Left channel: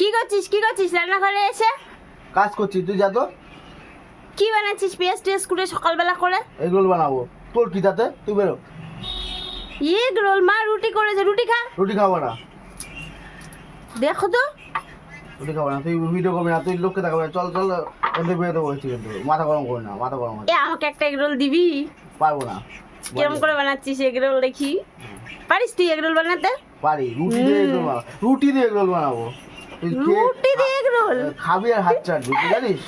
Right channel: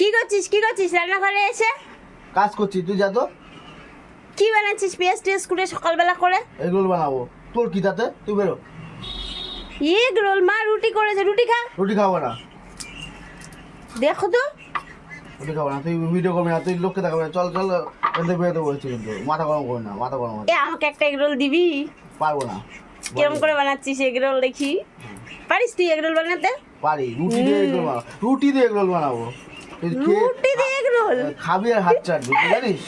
কি করছিস রান্নাঘরে এসে? কাজ করছি, তুই যা তো। কি বানাচ্ছিস পেঁয়াজ টেস্ট করে সকালবেলা করে? এগরোল বানাবো। তোর কি তাতে, তুই বেরো। Egg roll? মা রুটি করেছে, রুটি খা। রুটি খাবো না, দেখো তো। রুটি খাবো না, তুই ভিডিও করবি না, তুই লোককে দেখাবি না। চল চল, এতে বেরোতে বলছি, কিন্তু মাথা গরম করে না, মাথা গরম এ আমাকে একটা এগ রোল দিবি? পারবো না। কিরম করে বানাচ্ছিস এগ রোল দেখি? পারিস তুই এগ রোল বানাতে? পারি, রুটি দিয়ে এগরোল বানাবো, রুটি দিয়ে এগরোল বানাবো। তুই রুটি দিয়ে এগ রোল খাবি আর হাত চাটবি, তুই জানিস?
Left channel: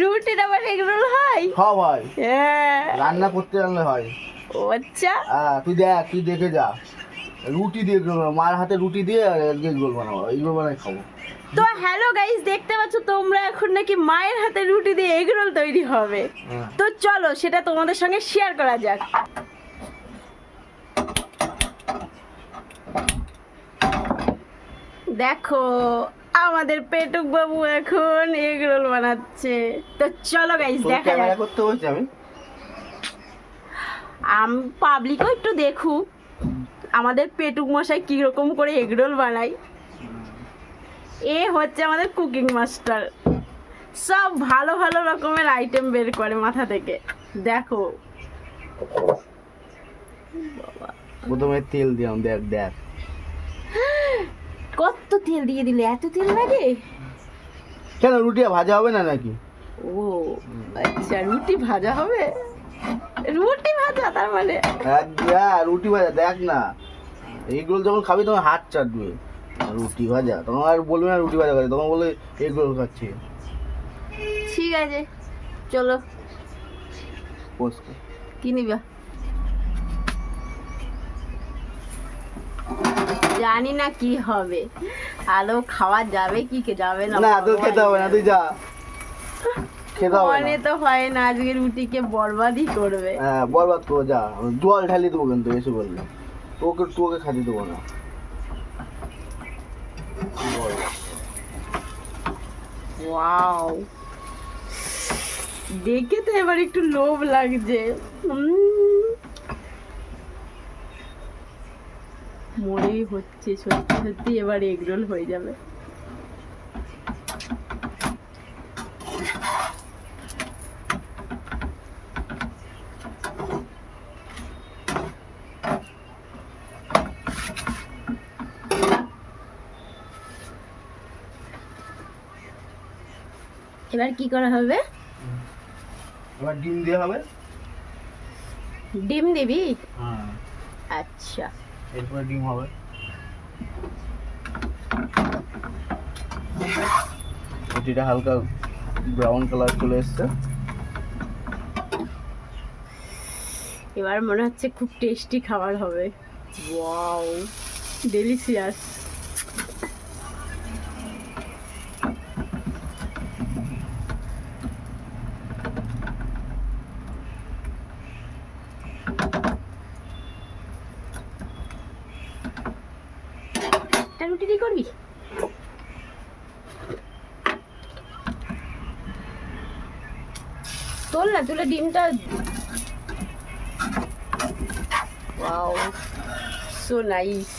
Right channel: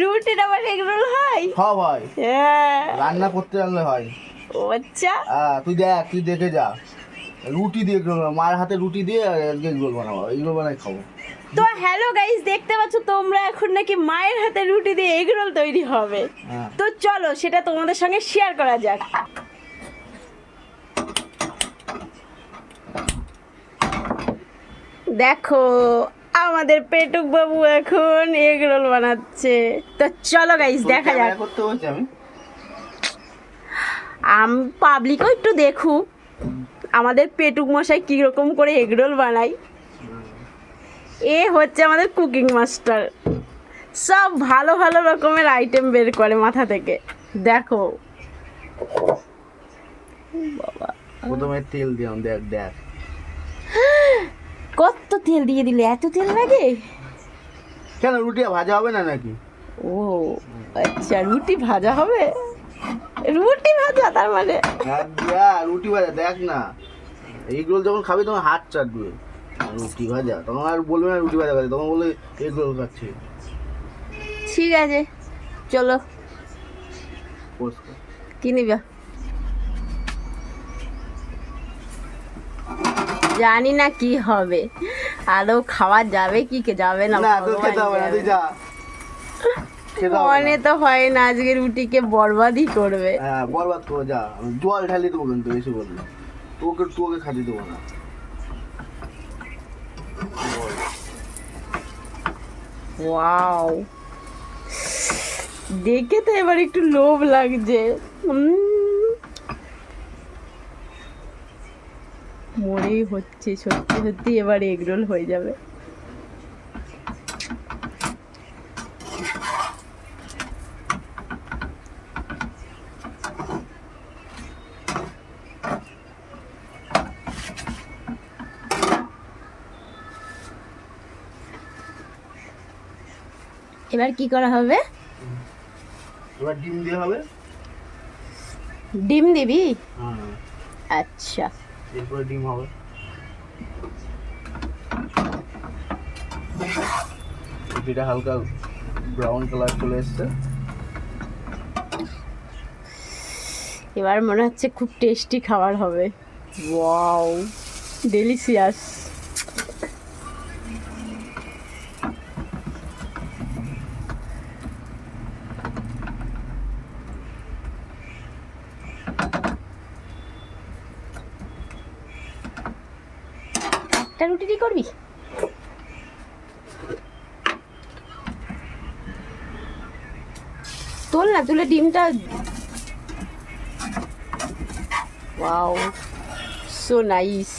রুটির আবার এগ রোল হয়? সব হয়, হ্যাঁ। রান্না করতে জানলে হয়। ও আচ্ছা। তুই দেখ, তুই দেখে যা। রুটি দিয়ে এগরোল বানাবো, মার হাতে রুটি দিয়ে এগরোল বানাবো, এগরোল বানাই খাবো। তো হ্যালো গাইস, দেখতে পাচ্ছ তোমরা এখন নাকি মায়ের হাতে রুটি দিয়ে এগ রোল তৈরি হবে। হ্যাঁ। তো চলো সেটা তোমাদের সঙ্গে শেয়ার করা যাক। দেখো আমাদের পেটুক বাবু এখন এগ রোল বানাচ্ছে। তো চলো গাইস দেখা যাক। করতে বলছি আমি পাবলিকও একটু দেখুক আমাদের পেটুক মশাই কিরকম করে এগ রোল বানায়। এ হচ্ছে আমাদের কুকিং মাস্টার, সব ভালো ভালো রকমের আইটেম বের করে মাথা থেকে। দেখো বাবা, প্রথমে তেল দিলাম, দেখ দেখ কত তেল দিয়ে দিলে, এত তেল লাগে? কেন, রুটি ভাজা হবে না নাকি? ও আচ্ছা, রুটি ভাজা হবে। রুটি ভাজা তার মানে? রুটি ভাজা, দেখ না, এগরোল যখন খাবি তখন হাত চাটবে। রুটি ভাজা তখন আর বলবে না রুটি ভাজা খাচ্ছি, তখন বলে এগরোল খাচ্ছি। ঠিক আছে চলো, কি নিবা? জানি না কি হবে, আদৌ খাওয়া যাবে কি যাবে না। না তোর খেতে হবে না, তুই যা, খেতে হবে মনে না। তো হয় না আজকে রুটিকে বরবাদই করবে। হ্যাঁ বরবাদ করে যা, জল ঢালিয়ে দেবো কিন্তু বেশি বললে, তোকে তোকে খাতে দেবো না। ওয়াও, দেখে তো এবার একটু লোভ লাগছে। মরেই হচ্ছে, সত্যি সত্যি এবার এগরোল হয়ে যাবে। এবার কি করা হবে? এবার ডিম দিয়ে হবে। ডিম দিবি? হ্যাঁ, আচ্ছা এরপরে ডিম হবে। রুটিটা হালকা ব্রাউন কালার চলে এসছে। এবার মনে হচ্ছে খুব টেস্টি খাবার হবে। Wow, delicious. একটা রুটি কি করবি? তোল না, তুলে ডিমটা। Wow, so nice.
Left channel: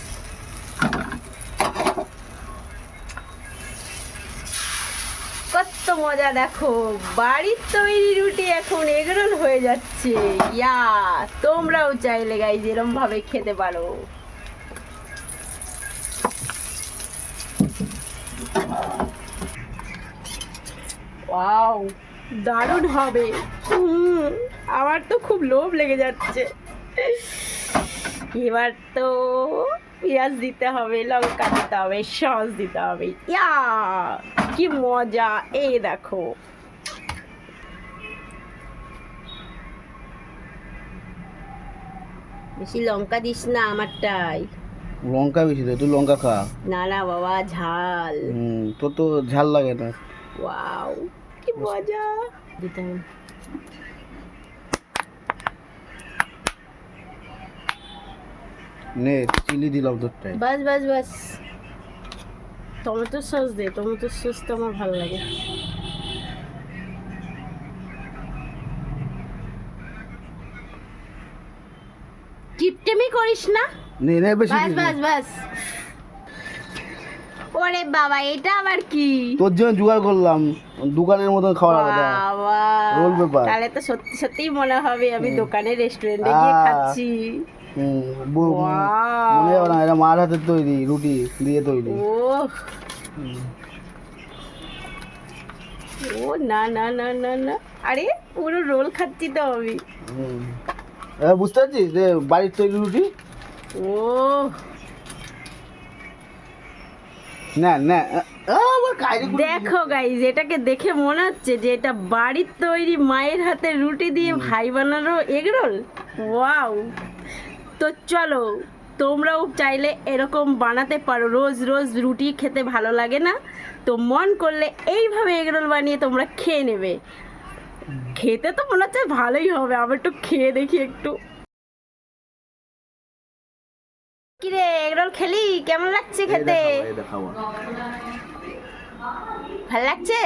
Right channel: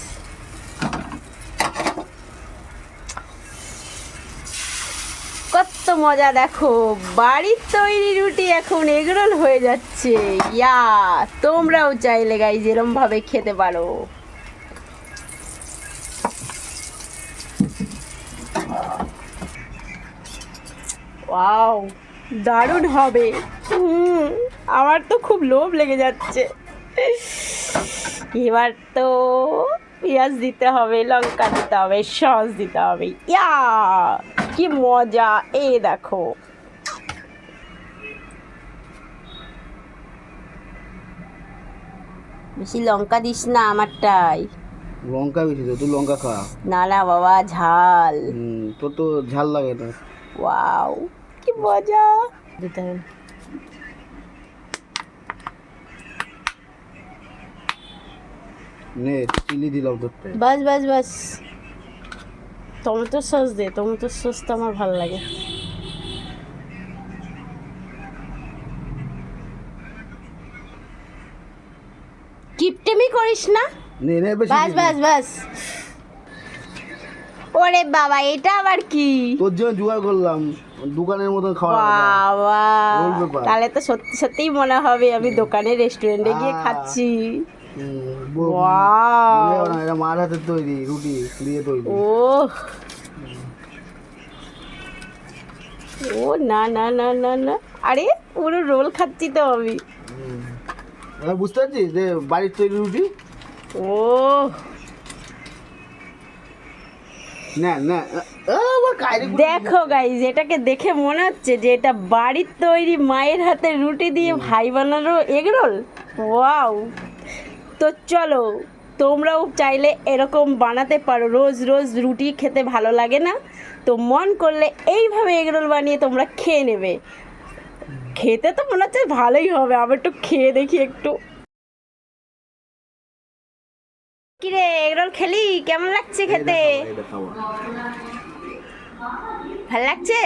কত মজা, দেখো বাড়ির তৈরি রুটি এখন এগরোল হয়ে যাচ্ছে। ইয়া, তোমরাও চাইলে গাইজ এরম ভাবে খেতে পারো। ওয়াও, দারুণ হবে। আমার তো খুব লোভ লেগে যাচ্ছে। এবার তো পেঁয়াজ দিতে হবে, লঙ্কা দিতে হবে, সস দিতে হবে। ইয়া, কি মজা। এই দেখো, বেশি লঙ্কা দিস না আমারটাই। লঙ্কা বেশি তো, তুই লঙ্কা খা। না না বাবা, ঝাল। তোর তো ঝাল লাগে না। ওয়াও, কি মজা। দিতে হবে। নে চিলি দিলাম তোরটাই। বাস বাস বাস, টমেটো সস দে, টমেটো সস তো আমার ভালো লাগে। কিপটেমি করিস না। নে নে বেশি বাস বাস বাস। ওরে বাবা, এটা আবার কি? তোর জন্য জোগাড় করলাম, দোকানের মতন খাওয়া বাবা, রোল পেপার। তাহলে তো সত্যি সত্যিই মনে হবে আমি দোকানে রেস্টুরেন্টে গিয়ে খাচ্ছি। Wow! মনে হবে না এটা মার হাতের তৈরি, রুটি দিয়ে তৈরি। ও ও না না না না না, আরে পুরো রোল খাচ্ছি তো আমি। এবার বুঝতে পারছিস যে বাড়ির তৈরি রুটি? ও না না, আবার কায়রে করে দেখো গাইজ, এটাকে দেখে মনে হচ্ছে যে এটা বাড়ির তৈরি মায়ের হাতের রুটি দিয়ে ভাই বানানো এগরোল। ওয়াও! তো চলো, তোমরাও চাইলে এরকম বানাতে পারো। রোজ রোজ রুটি খেতে ভালো লাগে না, তো মন করলে এইভাবে এগরোল বানিয়ে তোমরা খেয়ে নেবে। খেতে তো মনে হচ্ছে ভালোই হবে, আবার একটু খেয়ে দেখি একটু। কিরে, এগরোল খেলি? কেমন লাগছে খেতে? এটা খাবো। ভালো লাগছে?